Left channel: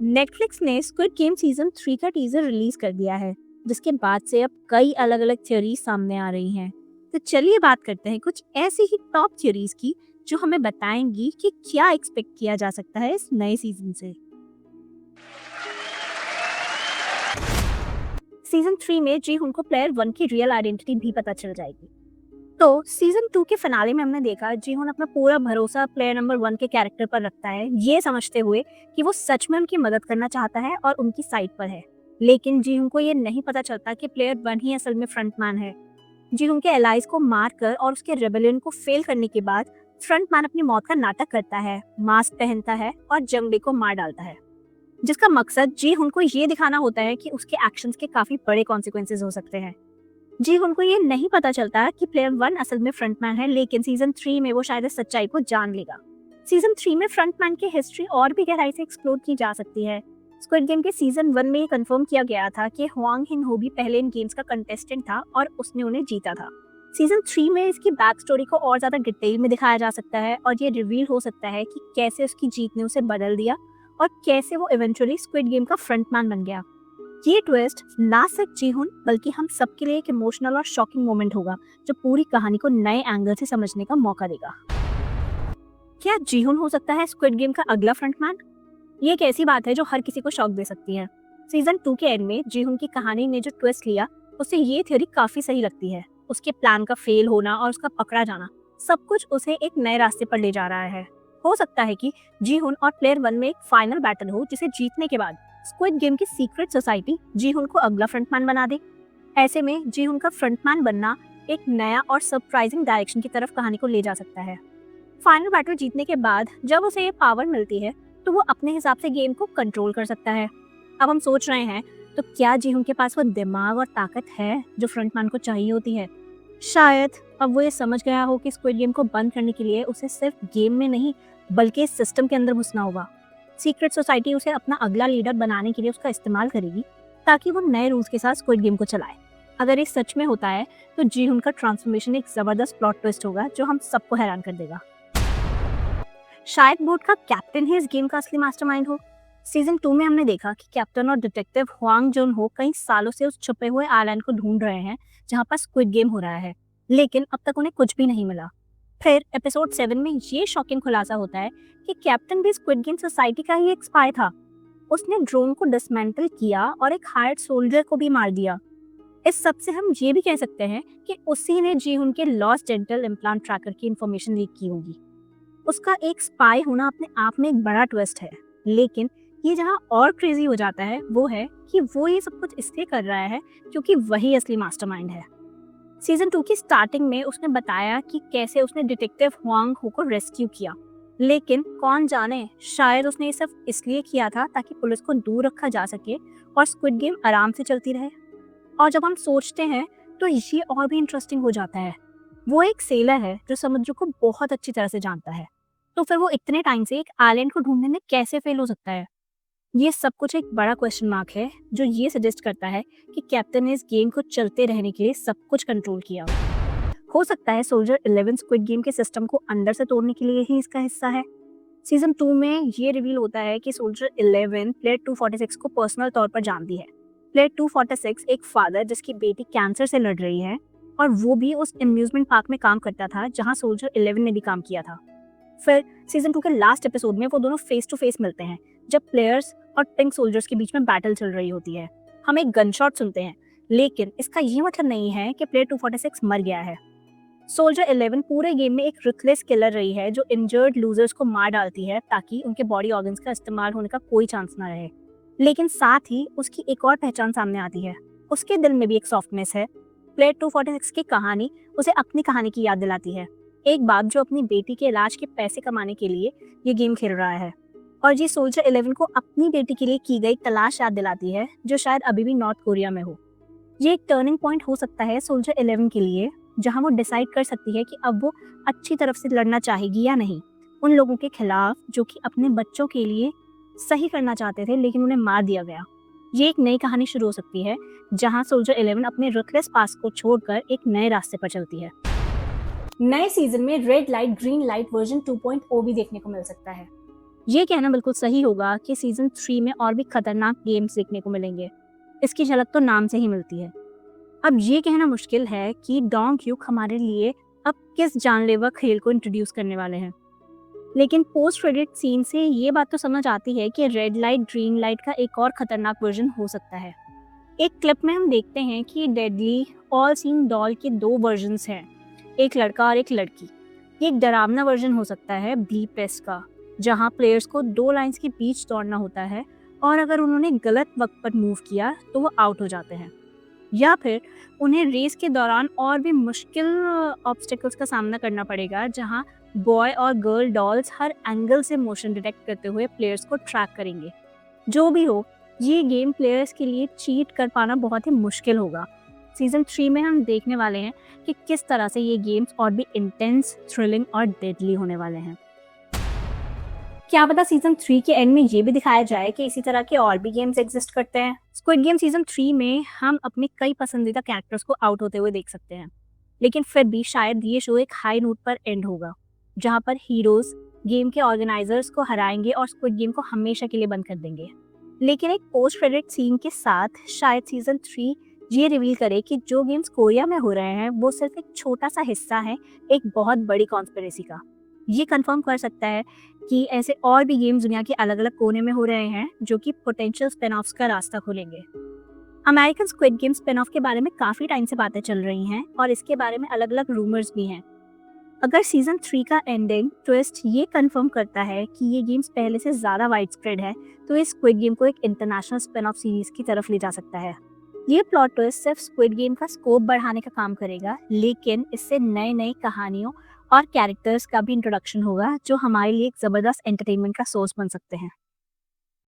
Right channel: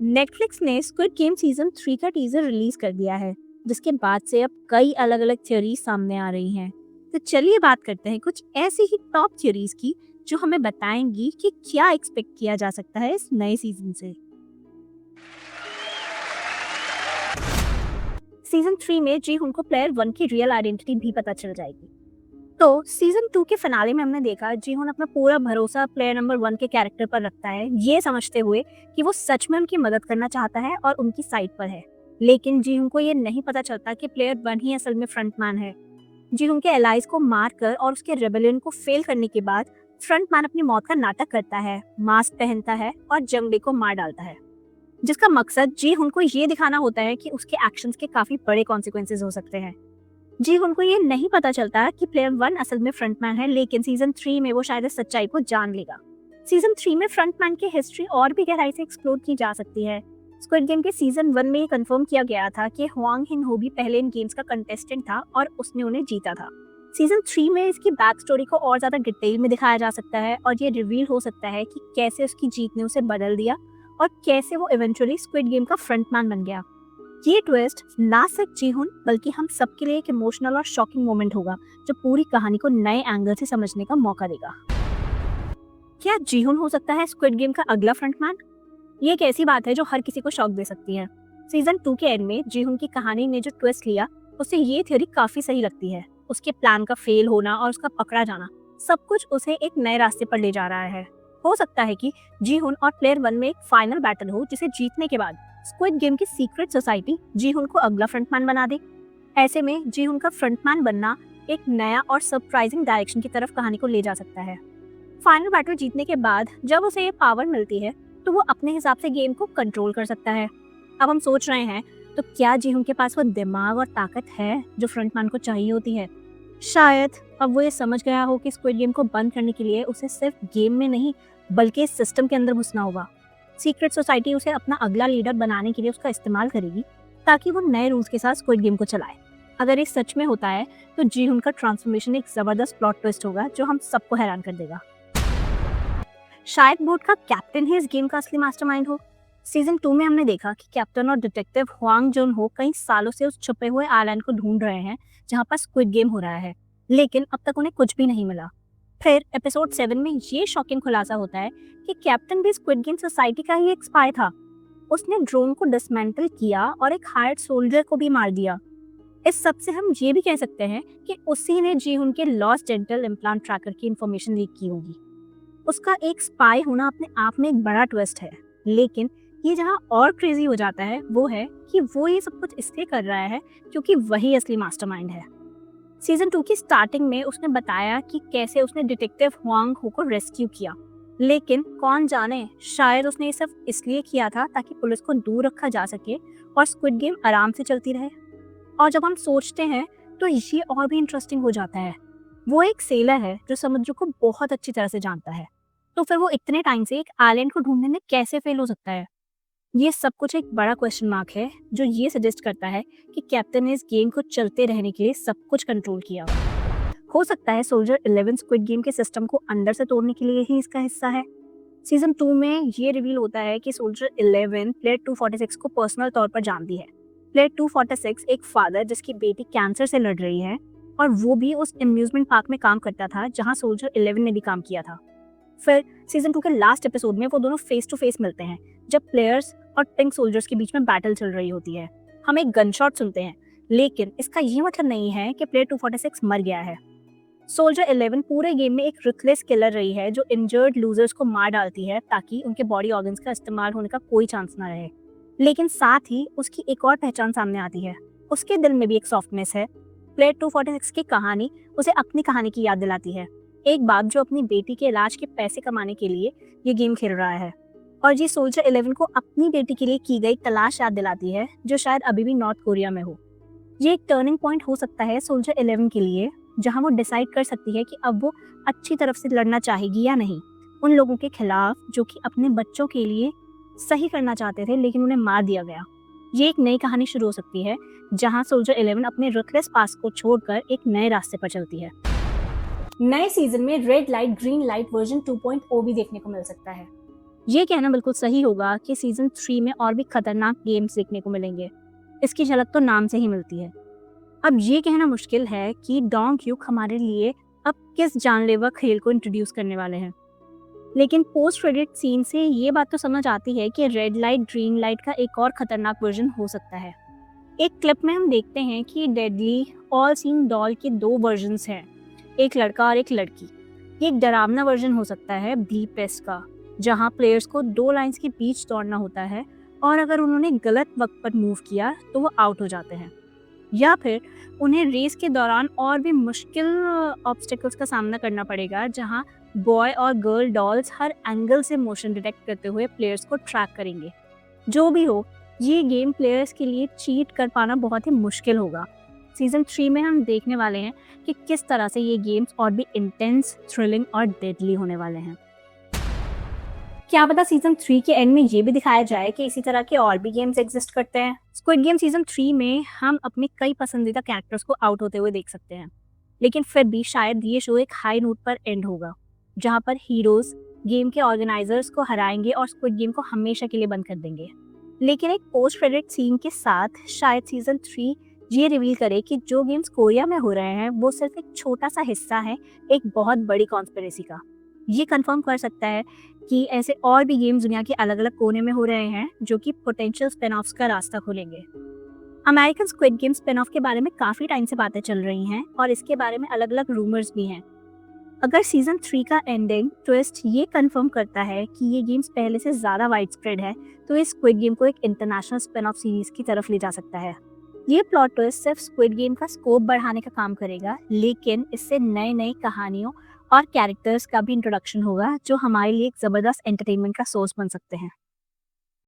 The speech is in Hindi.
नेटफ्लिक्स ने स्क्विड गेम सीजन 3 का टीजर रिलीज कर दिया है, जिसके बाद से अब कई अलग अलग थ्योरीज सामने आ रही हैं। तो चलिए बात करते हैं कुछ ऐसी ही टॉप थ्योरीज की जो हमें बताएंगी कि क्या एक्सपेक्ट किया जा सकता है इस नए सीजन से। सीजन 3 में जी हुन को प्लेयर 1 की रियल आइडेंटिटी भी पता चल जाएगी। तो सीजन 2 के फिनाले में हमने देखा जी हुन अपना पूरा भरोसा प्लेयर नंबर 1 के कैरेक्टर पर रखता है, ये समझते हुए कि वो सच में उनकी मदद करना चाहता है और उनकी साइड पर है। लेकिन जी हुन को ये नहीं पता चलता कि प्लेयर 1 ही असल में फ्रंटमैन है। जी हुन के एलाइज को मारकर और उसके रेबेलियन को फेल करने के बाद फ्रंटमैन अपनी मौत का नाटक करता है, मास्क पहनता है और जंगली को मार डालता है, जिसका मकसद जी हुन को ये दिखाना होता है कि उसके एक्शंस के काफी बड़े कॉन्सिक्वेंसेस हो सकते हैं। जी उनको ये नहीं पता चलता कि प्लेयर 1 असल में फ्रंटमैन है, लेकिन सीजन 3 में वो शायद इस सच्चाई को जान लेगा। सीजन 3 में फ्रंटमैन की हिस्ट्री और भी गहराई से एक्सप्लोर की जा सकती है। स्क्विड गेम के सीजन 1 में ये कंफर्म किया गया था कि हुआंग हिन हो भी पहले इन गेम्स का कंटेस्टेंट था और उसने उन्हें जीता था। सीजन 3 में इसकी बैक स्टोरी को और ज्यादा डिटेल में दिखाया जा सकता है और ये रिवील हो सकता है कि कैसे उसकी जीत ने उसे बदल दिया और कैसे वो इवेंचुअली स्क्विड गेम का फ्रंटमैन बन गया। ये ट्विस्ट ना सिर्फ जीहुन बल्कि हम सबके लिए एक इमोशनल और शॉकिंग मोमेंट होगा, जो पूरी कहानी को नए एंगल से समझने का मौका देगा। क्या जीहुन हो सकता है स्क्विड गेम का अगला फ्रंटमैन? ये एक ऐसी बात है जो हर किसी को शॉक दे सकती है। सीजन 2 के एंड में जीहुन की कहानी ने जो ट्विस्ट लिया, उससे ये थ्योरी काफी सही लगती है। उसके प्लान का फेल होना और उसका पकड़ा जाना, सब कुछ उसे एक नए रास्ते पर ले जा रहा है। हो सकता है कि जीहुन और प्लेयर 1 में एक फाइनल बैटल हो, जिसे जीतने के बाद स्क्विड गेम की सीक्रेट सोसाइटी जीहुन को अगला फ्रंटमैन बना दे। ऐसे में जीहुन का फ्रंटमैन बनना एक नया और सरप्राइजिंग डायरेक्शन की तरफ कहानी को ले जा सकता है। फाइनल बैटल जीतने के बाद जब उसे ये पावर मिलती है, तो वो अपने हिसाब से गेम को कंट्रोल कर सकता है। अब हम सोच रहे हैं, तो क्या जीहुन के पास वो दिमाग और ताकत है जो फ्रंटमैन को चाहिए होती है? शायद अब वो ये समझ गया हो कि स्क्विड गेम को बंद करने के लिए उसे सिर्फ गेम में नहीं बल्कि इस सिस्टम के अंदर घुसना होगा। सीक्रेट सोसाइटी उसे अपना अगला लीडर बनाने के लिए उसका इस्तेमाल करेगी, ताकि वो नए रूल्स के साथ स्क्विड गेम को चलाए। अगर ये सच में होता है, तो जीहुन का ट्रांसफॉर्मेशन एक जबरदस्त प्लॉट ट्विस्ट होगा जो हम सबको हैरान कर देगा। शायद बूट का कैप्टन ही इस गेम का असली मास्टरमाइंड हो। सीजन 2 में हमने देखा कि कैप्टन और डिटेक्टिव हुआंग जुन हो कई सालों से उस छुपे हुए आइलैंड को ढूंढ रहे हैं जहां पर स्क्विड गेम हो रहा है, लेकिन अब तक उन्हें कुछ भी नहीं मिला। फिर एपिसोड 7 में ये शॉकिंग खुलासा होता है कि कैप्टन भी स्क्विड गेम सोसाइटी का ही एक स्पाई था। उसने ड्रोन को डिसमेंटल किया और एक हायर्ड सोल्जर को भी मार दिया। इस सब से हम ये भी कह सकते हैं कि उसी ने जीवन के लास्ट चैप्टर एनकाउंटर करके इंफॉर्मेशन लीक की होगी। उसका एक स्पाई होना तो काफी बड़ा ट्विस्ट है, लेकिन ये जहाँ और क्रेजी हो जाता है वो है कि वो ये सब कुछ इसलिए कर रहे हैं क्योंकि वही असली मास्टरमाइंड है। सीजन 2 की स्टार्टिंग में उसने बताया कि कैसे उसने डिटेक्टिव हुआंग हो को रेस्क्यू किया, लेकिन कौन जाने शायद उसने ये सब इसलिए किया था ताकि पुलिस को दूर रखा जा सके और स्क्विड गेम आराम से चलती रहे। और जब हम सोचते हैं तो ये और भी इंटरेस्टिंग हो जाता है। वो एक सेलर है जो समुद्र को बहुत अच्छी तरह से जानता है, तो फिर वो इतने टाइम से एक आइलैंड को ढूंढने में कैसे फेल हो सकता है? ये सब कुछ एक बड़ा क्वेश्चन मार्क है जो ये सजेस्ट करता है कि कैप्टन ने इस गेम को चलते रहने के लिए सब कुछ कंट्रोल किया। हो सकता है सोल्जर 11 स्क्विड गेम के सिस्टम को अंदर से तोड़ने के लिए ही इसका हिस्सा है। सीजन 2 में ये रिवील होता है कि सोल्जर 11 प्लेयर 246 को पर्सनल तौर पर जानती है। प्लेयर 246 एक फादर जिसकी बेटी कैंसर से लड़ रही है, और वो भी उस एम्यूजमेंट पार्क में काम करता था जहाँ सोल्जर 11 ने भी काम किया था। फिर सीजन 2 के लास्ट एपिसोड में वो दोनों फेस टू फेस मिलते हैं, जब प्लेयर्स और पिंक सोल्जर्स के बीच में बैटल चल रही होती है। हम एक गन शॉट सुनते हैं, लेकिन इसका ये मतलब नहीं है कि प्लेयर 246 मर गया है। सोल्जर 11 पूरे गेम में एक रुथलेस किलर रही है जो इंजर्ड लूजर्स को मार डालती है ताकि उनके बॉडी ऑर्गन्स का इस्तेमाल होने का कोई चांस ना रहे। लेकिन साथ ही उसकी एक और पहचान सामने आती है, उसके दिल में भी एक सॉफ्टनेस है। प्लेयर 246 की कहानी उसे अपनी कहानी की याद दिलाती है, एक बाप जो अपनी बेटी के इलाज के पैसे कमाने के लिए ये गेम खेल रहा है। और ये सोल्जर 11 को अपनी बेटी के लिए की गई तलाश याद दिलाती है, जो शायद अभी भी नॉर्थ कोरिया में हो। ये एक टर्निंग पॉइंट हो सकता है सोल्जर 11 के लिए, जहां वो डिसाइड कर सकती है कि अब वो अच्छी तरफ से लड़ना चाहेगी या नहीं, उन लोगों के खिलाफ जो कि अपने बच्चों के लिए सही करना चाहते थे लेकिन उन्हें मार दिया गया। ये एक नई कहानी शुरू हो सकती है जहां सोल्जर 11 अपने रुथलेस पास्ट को छोड़कर एक नए रास्ते पर चलती है। नए सीजन में red light green light version 2.0 भी देखने को मिल सकता है। ये कहना बिल्कुल सही होगा कि सीज़न 3 में और भी खतरनाक गेम्स देखने को मिलेंगे। इसकी झलक तो नाम से ही मिलती है। अब ये कहना मुश्किल है कि डोंग क्यूक हमारे लिए अब किस जानलेवा खेल को इंट्रोड्यूस करने वाले हैं। लेकिन पोस्ट क्रेडिट सीन से ये बात तो समझ आती है कि रेड लाइट ग्रीन लाइट का एक और खतरनाक वर्जन हो सकता है। एक क्लिप में हम देखते हैं कि डेडली ऑल सीन डॉल के 2 वर्जन्स हैं, एक लड़का और एक लड़की। ये एक डरावना वर्जन हो सकता है ब्लीप टेस्ट का, जहां प्लेयर्स को 2 लाइंस के बीच दौड़ना होता है और अगर उन्होंने गलत वक्त पर मूव किया तो वो आउट हो जाते हैं, या फिर उन्हें रेस के दौरान और भी मुश्किल ऑब्स्टेकल्स का सामना करना पड़ेगा, जहां बॉय और गर्ल डॉल्स हर एंगल से मोशन डिटेक्ट करते हुए प्लेयर्स को ट्रैक करेंगे। जो भी हो, ये गेम प्लेयर्स के लिए चीट कर पाना बहुत ही मुश्किल होगा। सीजन 3 में हम देखने वाले हैं कि किस तरह से ये गेम्स और भी इंटेंस, थ्रिलिंग और डेडली होने वाले हैं। क्या पता सीजन 3 के एंड में ये भी दिखाया जाए कि इसी तरह के और भी गेम्स एग्जिस्ट करते हैं। स्क्विड गेम सीजन 3 में हम अपने कई पसंदीदा कैरेक्टर्स को आउट होते हुए देख सकते हैं, लेकिन फिर भी शायद ये शो एक हाई नोट पर एंड होगा, जहां पर हीरोज गेम के ऑर्गेनाइजर्स को हराएंगे और स्क्विड गेम को हमेशा के लिए बंद कर देंगे। लेकिन एक पोस्ट क्रेडिट सीन के साथ शायद सीजन 3 ये रिवील करे कि जो गेम्स कोरिया में हो रहे हैं वो सिर्फ एक छोटा सा हिस्सा है एक बहुत बड़ी कॉन्स्पिरेसी का। ये कंफर्म कर सकता है कि ऐसे और भी गेम्स दुनिया के अलग अलग कोने में हो रहे हैं जो कि पोटेंशियल स्पिन ऑफ्स का रास्ता खोलेंगे। American squid game spin off के बारे में काफ़ी टाइम से बातें चल रही हैं और इसके बारे में अलग अलग रूमर्स भी हैं। अगर सीजन 3 का एंडिंग ट्विस्ट ये कंफर्म करता है कि ये गेम्स पहले से ज़्यादा वाइड स्प्रेड है, तो इस स्क्विड गेम को एक इंटरनेशनल स्पिन ऑफ सीरीज की तरफ ले जा सकता है। ये प्लॉट ट्विस्ट सिर्फ स्क्विड गेम का स्कोप बढ़ाने का काम करेगा, लेकिन इससे नई नई कहानियों और कैरेक्टर्स का भी इंट्रोडक्शन होगा जो हमारे लिए एक ज़बरदस्त एंटरटेनमेंट का सोर्स बन सकते हैं।